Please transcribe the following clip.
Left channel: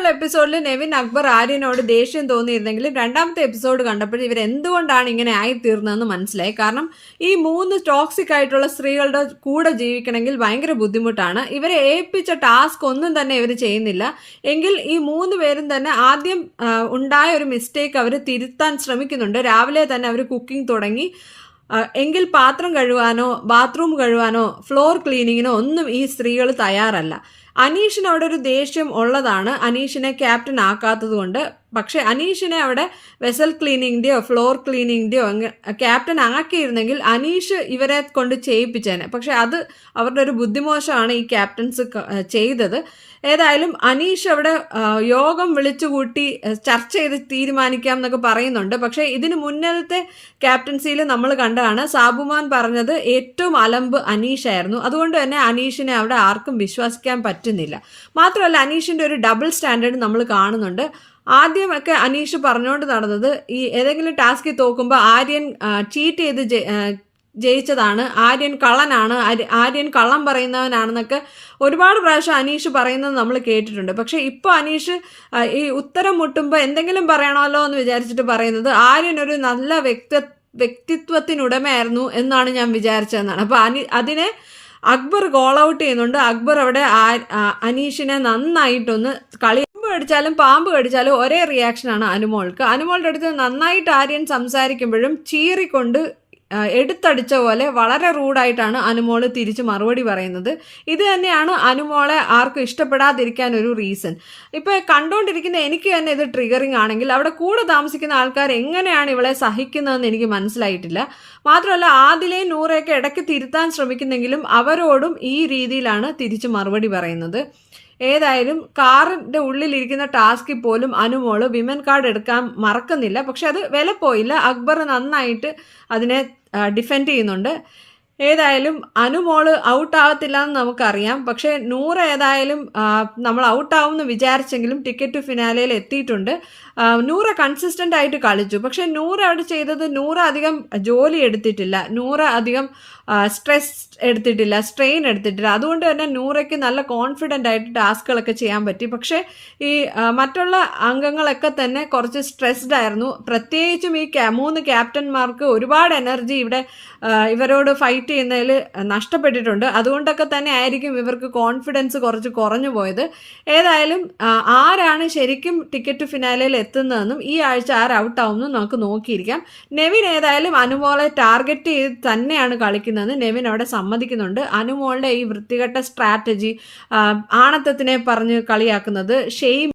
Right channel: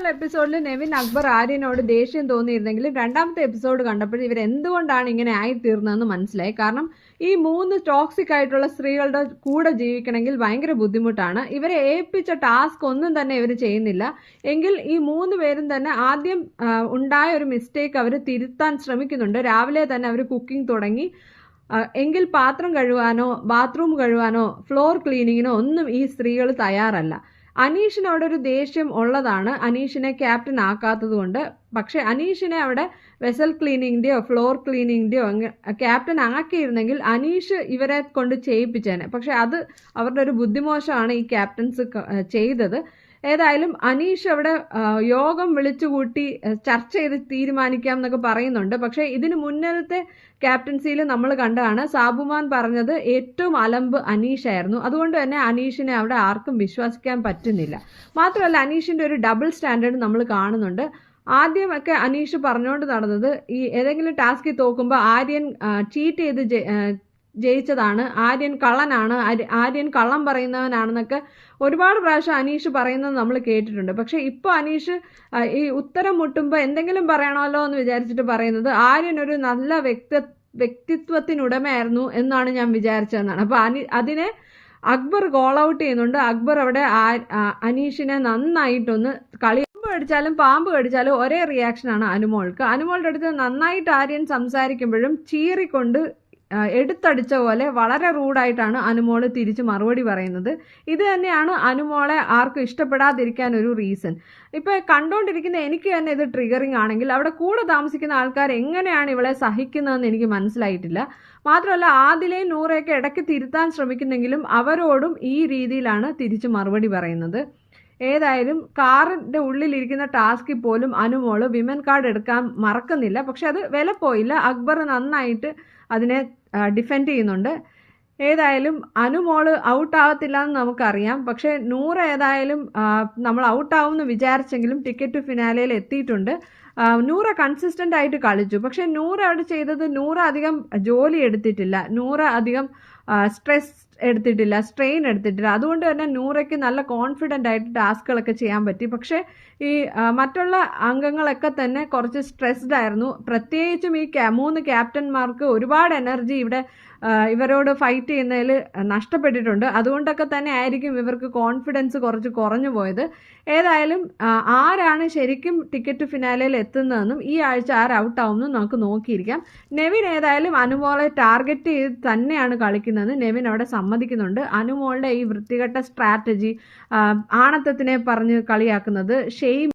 ആദ്യമുള്ള എപ്പിസോഡിൽ നെവിൻ അക്ബർ ആര്യനോട് ദേഷ്യം തോന്നിയിരുന്നെങ്കിലും രണ്ടാമത്തെ എപ്പിസോഡ് കണ്ടപ്പോൾ ഇവർ എന്തുകൊണ്ടാണ് ഇങ്ങനെ ആയിത്തീർന്നതെന്ന് മനസ്സിലായി. കാരണം ഈ 3 ടോക്സിക് ആയിട്ടുള്ള സ്ത്രീകളുടെ കൂടെ ജീവിക്കണമെങ്കിൽ ഭയങ്കര ബുദ്ധിമുട്ടാണ്. ഇവരെ ഏൽപ്പിച്ച ടാസ്ക് ഒന്നും തന്നെ ഇവർ ചെയ്യുന്നില്ല. എങ്കിൽ ഈ 3 പേരും തന്നെ ആദ്യം ഉണ്ടായ ഒരു മിസ്റ്റേക്ക് അവർ തിരുത്താൻ ശ്രമിക്കുന്നുണ്ട്. രാവിലെ തന്നെ അവർ കുക്കിംഗ് തുടങ്ങി. എങ്കിൽ പാത്രം കഴുകാനോ ബാത്റൂം കഴുകാനോ ഫ്ലോർ ക്ലീനിങ്ങിനോ ഒന്നും ഈ സ്ത്രീകൾ തയ്യാറല്ല. അനീഷിന് അവിടെ ഒരു ദേഷ്യം ഉള്ളതാണ്, അനീഷിനെ ക്യാപ്റ്റൻ ആക്കാത്തത് കൊണ്ട്. പക്ഷേ അനീഷിനെ അവിടെ വെസൽ ക്ലീനിങ്ങിൻ്റെയോ ഫ്ലോർ ക്ലീനിങ്ങിൻ്റെയോ ക്യാപ്റ്റൻ ആക്കിയിരുന്നെങ്കിൽ അനീഷ് ഇവരെ കൊണ്ട് ചെയ്യിപ്പിച്ചേനെ. പക്ഷെ അത് അവരുടെ ഒരു ബുദ്ധിമോശമാണ് ഈ ക്യാപ്റ്റൻസ് ചെയ്തത്. ഏതായാലും അനീഷ് അവിടെ യോഗം വിളിച്ചുകൂട്ടി ചർച്ച ചെയ്ത് തീരുമാനിക്കാം എന്നൊക്കെ പറയുന്നുണ്ട്. പക്ഷേ ഇതിന് മുന്നത്തെ ക്യാപ്റ്റൻസിയിൽ നമ്മൾ കണ്ടതാണ് സാബുമാൻ പറഞ്ഞത് ഏറ്റവും അലമ്പ് അനീഷായിരുന്നു. അതുകൊണ്ട് തന്നെ അനീഷിനെ അവിടെ ആർക്കും വിശ്വസിക്കാൻ പറ്റുന്നില്ല. മാത്രമല്ല അനീഷിൻ്റെ ഒരു ഡബിൾ സ്റ്റാൻഡേർഡ് നമ്മൾ കാണുന്നുണ്ട്. ആദ്യമൊക്കെ അനീഷ് പറഞ്ഞുകൊണ്ട് നടന്നത് ഈ ഏതെങ്കിലും ടാസ്കിൽ തോക്കുമ്പോൾ ആര്യൻ ചീറ്റ് ചെയ്ത് ജയിച്ചതാണ്, ആര്യൻ കള്ളനാണ്, ആര്യൻ കള്ളം പറയുന്നവനാണെന്നൊക്കെ ഒരുപാട് പ്രാവശ്യം അനീഷ് പറയുന്നത് നമ്മൾ കേട്ടിട്ടുണ്ട്. പക്ഷേ ഇപ്പോൾ അനീഷ് ഈ ഉത്തരം മുട്ടുമ്പോൾ എന്തെങ്കിലും പറയണമല്ലോ എന്ന് വിചാരിച്ചിട്ട് പറയുന്നത് ആര്യൻ ഒരു നല്ല വ്യക്തിത്വത്തിനുടമയായിരുന്നു എന്നാണ് ഞാൻ വിചാരിച്ചതെന്നാണ്. അപ്പോൾ അതിനെ അക്ബർ കോൾ ഔട്ട് ചെയ്യുന്നുണ്ട്. അക്ബർ അവിടെ അനീഷിനെ നന്നായിട്ടൊന്ന് കടിച്ചാലും പാമ്പ് കടിച്ചാലും ഒരേ റിയാക്ഷനാണ് അനുമോൾക്ക്. അനുമോളുടെ അടുത്ത് നന്നായിട്ട് ആര്യൻ സംസാരിക്കുമ്പോഴും ചീറിക്കൊണ്ട് എടുത്തടിച്ച പോലെ വളരെ റൂഡായിട്ടാണ് അനുമോള് തിരിച്ച് മറുപടി പറയുന്നത്. ഇത് തന്നെയാണ് അനുമോളെ ആർക്കും ഇഷ്ടപ്പെടാതിരിക്കാൻ ഒരു റീസൺ. ഇപ്പോൾ കണ്ടുകൊണ്ടിരിക്കുന്ന എനിക്ക് തന്നെ ഇത് ട്രിഗറിങ് ആണെങ്കിൽ അവിടെ കൂടെ താമസിക്കുന്ന ആൾക്കാർ എങ്ങനെയാണ് ഇവളെ സഹിക്കുന്നതെന്ന് എനിക്ക് മനസ്സിലായിട്ടില്ല. മാത്രമല്ല ആദിലെയും നൂറയൊക്കെ ഇടയ്ക്ക് തിരുത്താൻ ശ്രമിക്കുന്നെങ്കിലും അവരോടും ഈ രീതിയിലാണ് തിരിച്ച് മറുപടി പറയുന്നത്. ഏതായാലും കാറിൻ്റെ ഉള്ളിലിരിക്കുന്ന ടാസ്കിൽ പോലും അനുമോള് വിമൻ കാർഡ് എടുക്കാൻ മറക്കുന്നില്ല. പക്ഷെ അത് വില പോയില്ല. അക്ബർ നന്നായിട്ട് അതിനെ ഡിഫെൻഡ് ചെയ്യുന്നുണ്ട്. ഏതായാലും അനുമോള് ഔട്ടാവത്തില്ല എന്ന് നമുക്കറിയാം. പക്ഷേ നൂറ് ഏതായാലും നമ്മൾ ഔട്ടാവുമെന്ന് വിചാരിച്ചെങ്കിലും ടിക്കറ്റ് ടു ഫിനാലയിൽ എത്തിയിട്ടുണ്ട്. നൂറ കൺസിസ്റ്റൻ്റ് ആയിട്ട് കളിച്ചു. പക്ഷേ നൂറ അവിടെ ചെയ്തത് നൂറ അധികം ജോലി എടുത്തിട്ടില്ല, നൂറ അധികം സ്ട്രെസ് എടുത്തിട്ടില്ല, സ്ട്രെയിൻ എടുത്തിട്ടില്ല. അതുകൊണ്ട് തന്നെ നൂറയ്ക്ക് നല്ല കോൺഫിഡൻ്റ് ആയിട്ട് ടാസ്കുകളൊക്കെ ചെയ്യാൻ പറ്റി. പക്ഷേ ഈ മറ്റുള്ള അംഗങ്ങളൊക്കെ തന്നെ കുറച്ച് സ്ട്രെസ്ഡ് ആയിരുന്നു. പ്രത്യേകിച്ചും ഈ 3 ക്യാപ്റ്റന്മാർക്ക് ഒരുപാട് എനർജി ഇവിടെ ഇവരോട് ഫൈറ്റ് ചെയ്യുന്നതിൽ നഷ്ടപ്പെട്ടിട്ടുണ്ട്. അതുകൊണ്ടൊക്കെ തന്നെ ആയിരിക്കും ഇവർക്ക് കോൺഫിഡൻസ് കുറച്ച് കുറഞ്ഞു പോയത്. ഏതായാലും ആരാണ് ശരിക്കും ടിക്കറ്റ് ഫിനാലയിൽ എത്തുന്നതെന്നും ഈ ആഴ്ച ആര് ഔട്ടാവുമെന്നും നമുക്ക് നോക്കിയിരിക്കാം. നെവിൻ ഏതായാലും അനുമോളെ ടാർഗറ്റ് ചെയ്ത് തന്നെയാണ് കളിക്കുന്നതെന്ന് നെവിൻ അവിടെ സമ്മതിക്കുന്നുണ്ട്. അനുമോളുടെ ഈ വൃത്തികെട്ട സ്ട്രാറ്റജി, ആണത്തത്തിനെ പറഞ്ഞ് കളിയാക്കുന്നത്, ഷെയിം